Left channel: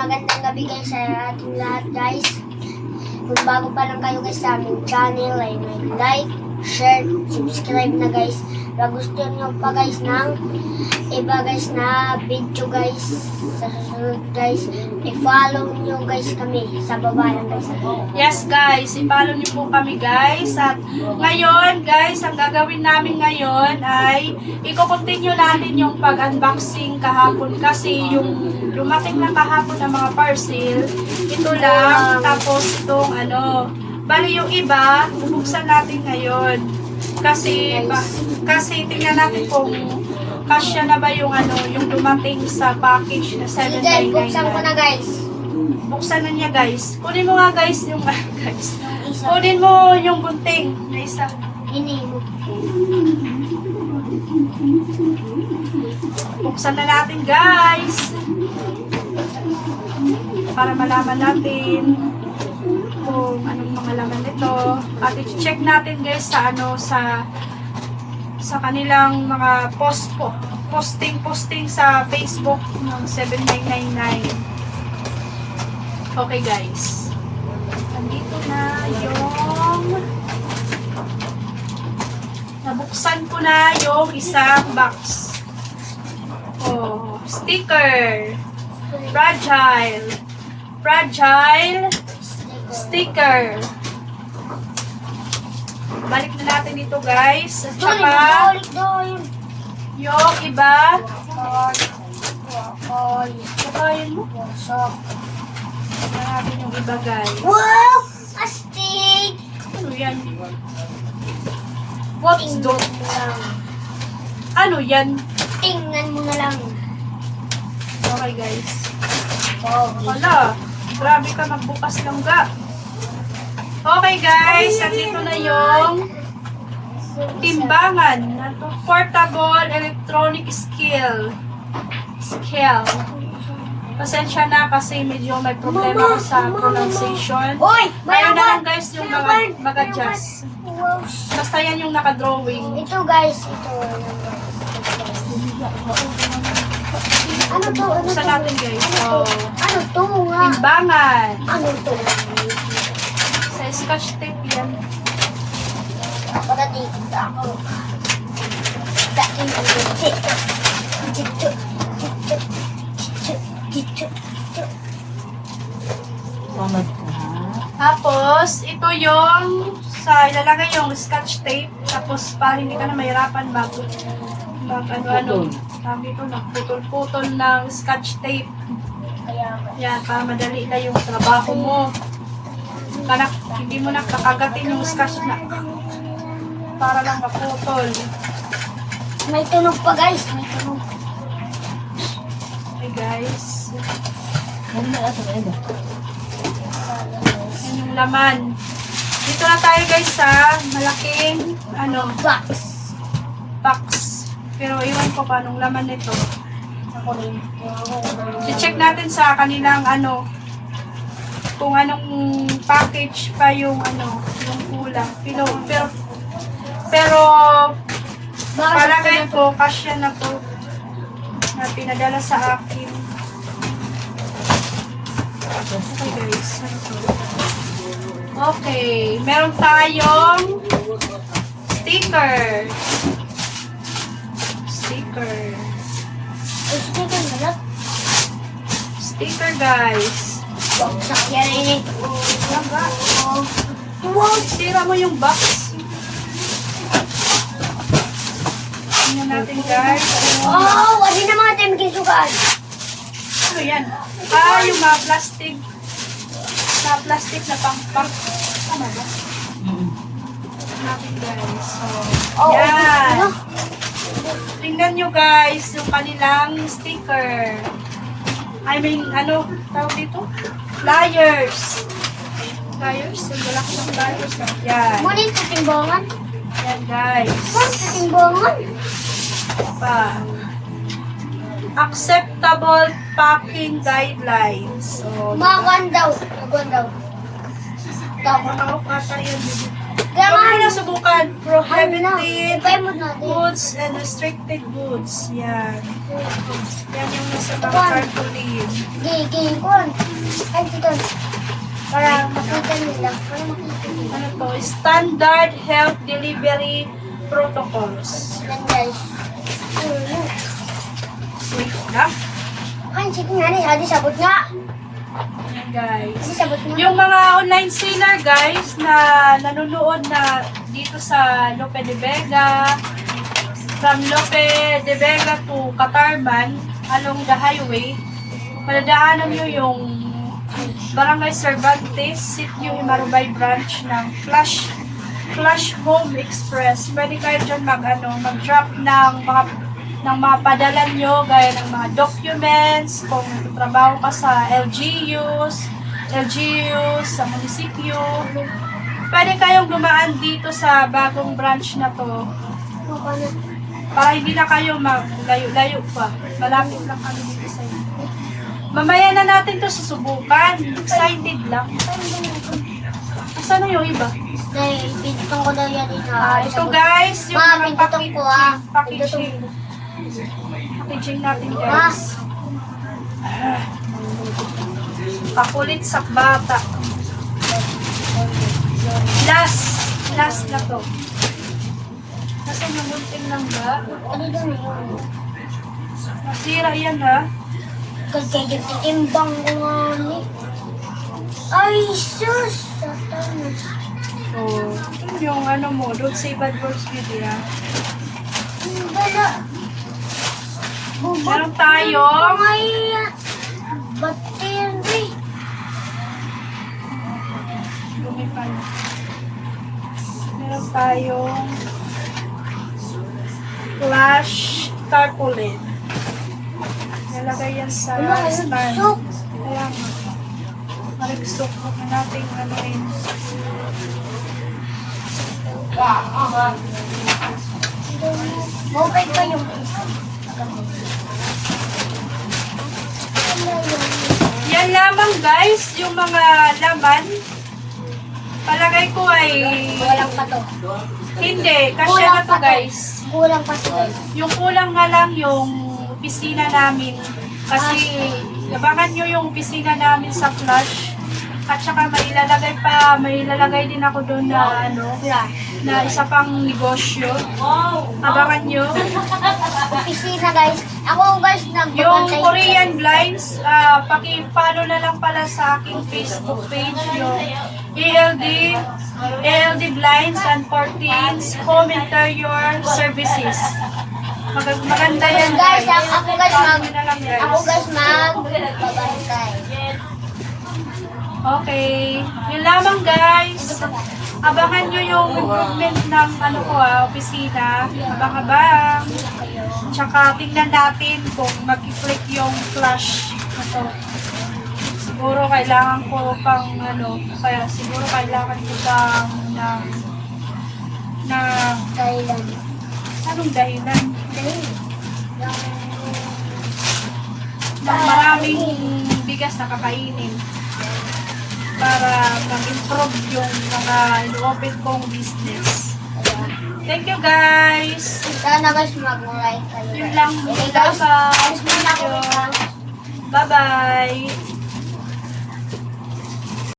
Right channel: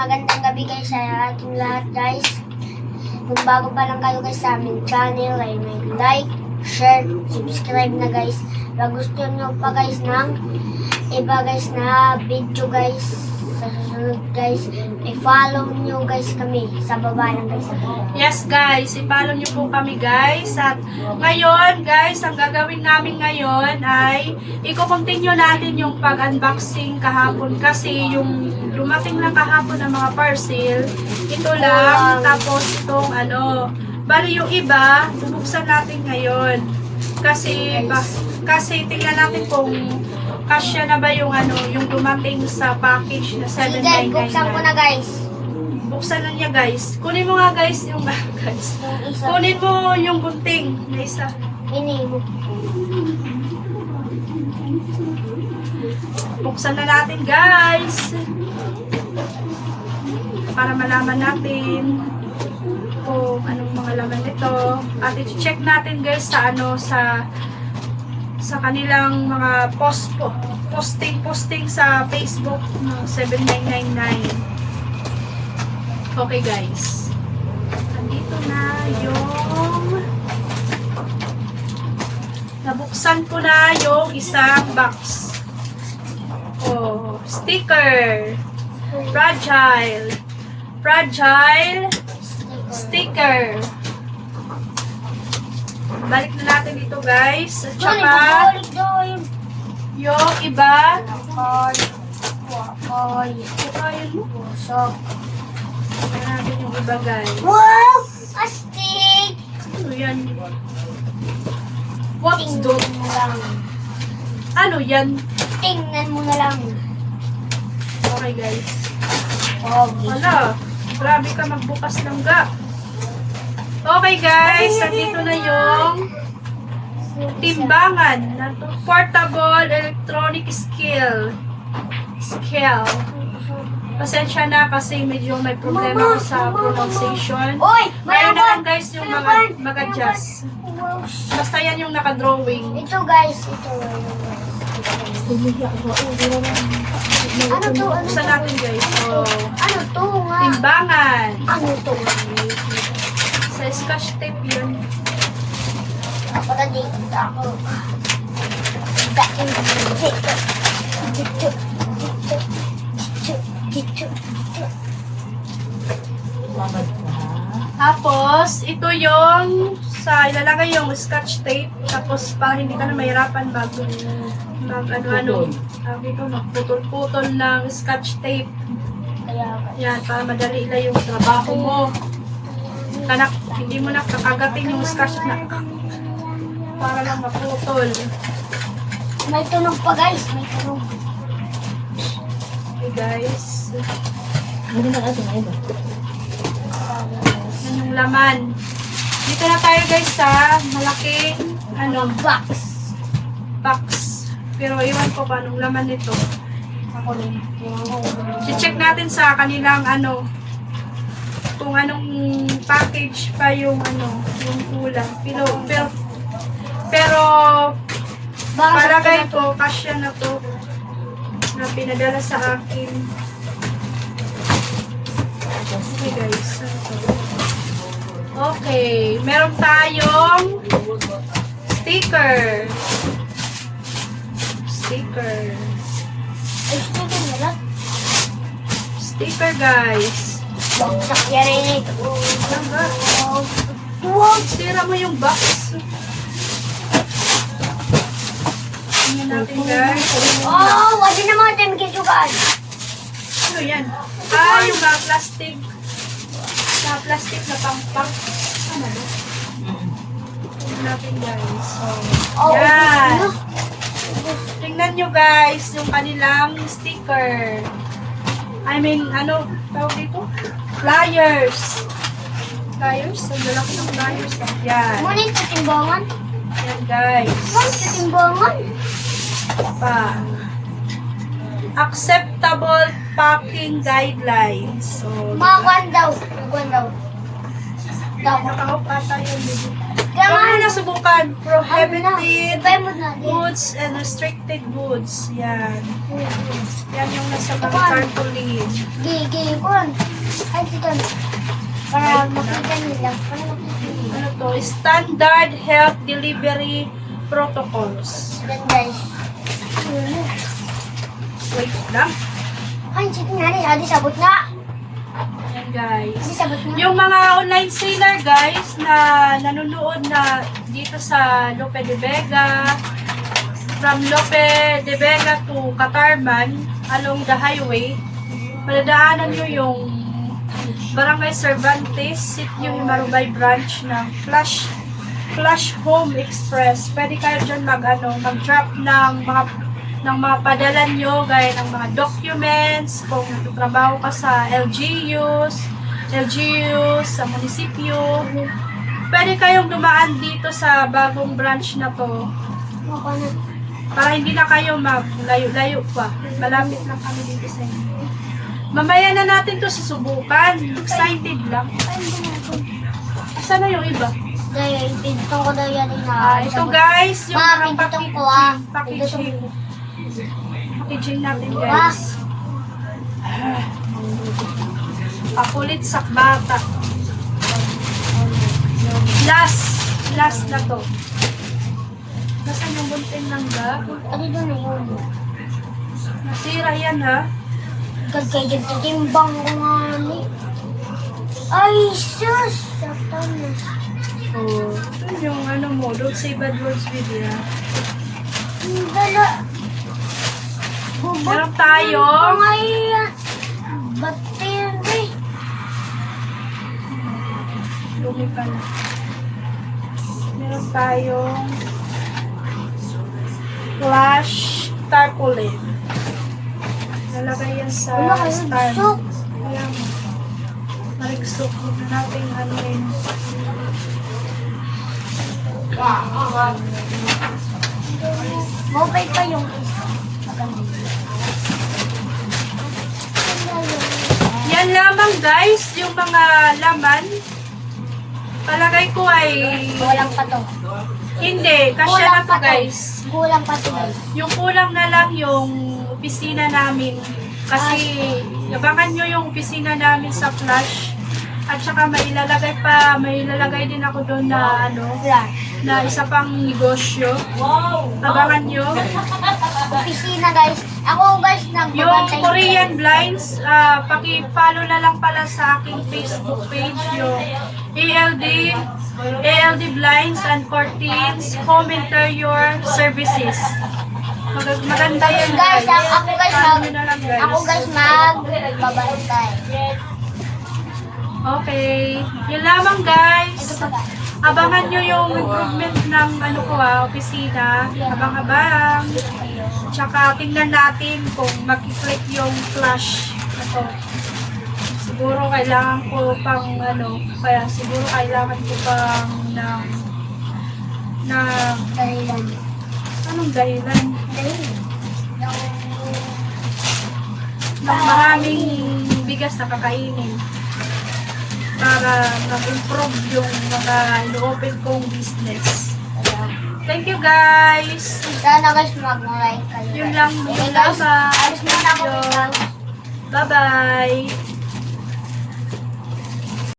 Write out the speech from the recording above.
magandang gabi guys sa ating lahat guys. Kung bago pa lang kayo guys sa aming channel, ay like, share, subscribe na guys. Pag gusto nyo pa guys ng iba guys na video guys, sa susunod guys, i-follow nyo guys kami sa baba lang guys. Yes guys, i-follow nyo po kami guys. At ngayon guys, ang gagawin namin ngayon ay i-continue natin yung pag-unboxing kahapon. Kasi yung dumating lang kahapon ng mga parcel, ito lang. Tapos itong bali yung iba, bubuksan natin ngayon. Kasi tingnan natin kung kasya na ba yung yung dumating sa package na 799. Buksan ko na guys. Buksan na niya guys. Kunin mo nga guys yung guys. Kunin mo yung bunting na isa. Hinimot ko. Buksan na natin guys. Para malaman natin kung anong mga laman nito. At i-check natin guys sa sa kanilang mga posting sa Facebook ng 7999. Okay guys. Andito na yung nabuksan ko na yung isang box. Oh, sticker. Fragile sticker. Balik na natin dito guys. At saka yung iba. Kakain mo. Natin yung iba guys. Wow! Astig! Ano yan? What's that? Tingnan mo lang. Ano yan? Tingnan mo na lang. Okay guys. Oh, Wala. Grabe ka magbukas lang ga. Okay guys. Nandito na yung timbangan na portable electronic scale. Pasensya na kasi medyo may problema ko sa pronunciation. Oy! Kaya na lang Mayabang! guys yung mag-adjust. Basta yan yung naka-drawing. Ito guys, ito. Ano to? Ano Buksan to? natin guys. So, Ano to nga? timbangan. Ano to? Sa scotch tape yan. Para dito ako. Dating dito. Dito. Tapos, ito yung ilalagay yung scotch tape. Tapos, para hindi ka na mahirapan bago tawag dito, magputol-putol ng scotch tape. Kaya Yan, para madali na yung trabaho mo. Hindi mo na kakagatin yung scotch na para lang maputol. may tunog pa guys, may tunog. Okay guys. Yan yung laman. Dito na tayo guys sa malaking box. Pero iwan ko pa anong laman nito. Ako rin. I-check natin sa kanilang kung anong package pa yung yung kulang. Pero palagay ko kasya na to na pinadala sa akin. Okay guys. Okay, meron tayong sticker. Sticker guys. Huwag sakyarin eh. Langga. Wow! Tira mo yung box. Tingnan natin guys. Oh, wali na mga tayo magkisukaan. Ano yan? Yung plastic. Plastic na pang. Tama ba? Tingnan natin guys. So, Oh, yan. Tingnan nyo guys yung kanilang sticker. I mean, tawag dito? Flyers. Ang lalaki ng flyers. Yan. Ngunit sa timbangan? Yan guys. Ngunit sa timbangan? Pa. Acceptable packing guidelines. So, Mga kwan daw. Kwan daw. Naka-off ata yun, baby. Kaya Huwag nga, mo na subukan. Prohibited Try mo natin. goods and restricted goods. Yan. Yan yung nasa mga tarpaulin. Gigi, kuhan. Ay, sikan. Para makita nila. Para makita nila. Ano to? Standard health delivery protocols. Yan guys. Wait lang. Ay, sige nga rin. Adi, sabot nga. Yan guys. Adi, sabot nga. Yung mga online seller guys na nanonood na dito sa Lope de Vega, from Lope de Vega to Catarman along the highway, madadaanan nyo yung Barangay Cervantes, Sitio Himarubay branch ng Flash Home Express. Pwede kayo dyan mag-drop ng mga padala nyo, gaya ng mga documents, kung trabaho ka sa LGUs sa munisipyo. Pwede kayong dumaan dito sa bagong branch na to Okay na. para hindi na kayo maglayo-layo pa. Malapit lang kami dito sa inyo. Mamaya na natin to susubukan. Excited lang. Asan na yung iba? Dahil, pinitong ko daw yan na. Ito guys, yung Ma, mga pinitong ko ah. packaging natin Ah. guys. Pakulit sa bata. Last na to. Nasaan yung bunting lang ba? Ano doon na yun? Nasira yan ha. Kagkagag titimbang ko nga ni. Ay, sus! Sakto na. Oh, yun yung ano mo, don't say bad words with ya. Ang dala. Meron tayong Ay, battery. lumi pala. Meron tayong flash tarpaulin. Nalagay yan sa Wala, stand. sok. Kaya mo. Marigsok. Huwag na natin ano rin. Mobile pa yung isa. Yan lamang guys, yung mga laman. Palagay ko ay Kulang pa to. hindi, kasya na to guys. Kulang pa to guys. Yung kulang na lang yung opisina namin. Kasi abangan nyo yung opisina namin sa Flash. At saka may ilalagay din ako doon na Flash. na isa pang negosyo. Abangan nyo. Opisina guys. Ako guys, Yung nagbabantay. Korean Blinds, paki-follow na lang pala sa aking Facebook page yung ALD Blinds and Curtains Home Interior Services. Maganda yan Guys, ako guys, Follow nyo na lang, guys. magbabantay. Okay. Yun lamang guys. Abangan nyo yung improvement ng opisina. Abang-abang. Tsaka tingnan natin kung mag-click yung flash na to. Siguro kailangan ko pang kaya siguro kailangan ko pang ng Dahilan. anong dahilan? Dahilan. Ng maraming bigas na kakainin para mag-improve yung mga ino-open kong business. Thank you guys! Sana guys, mag-like kayo. Yun lang. Okay guys, Bye-bye! alis muna ako guys. Bye-bye!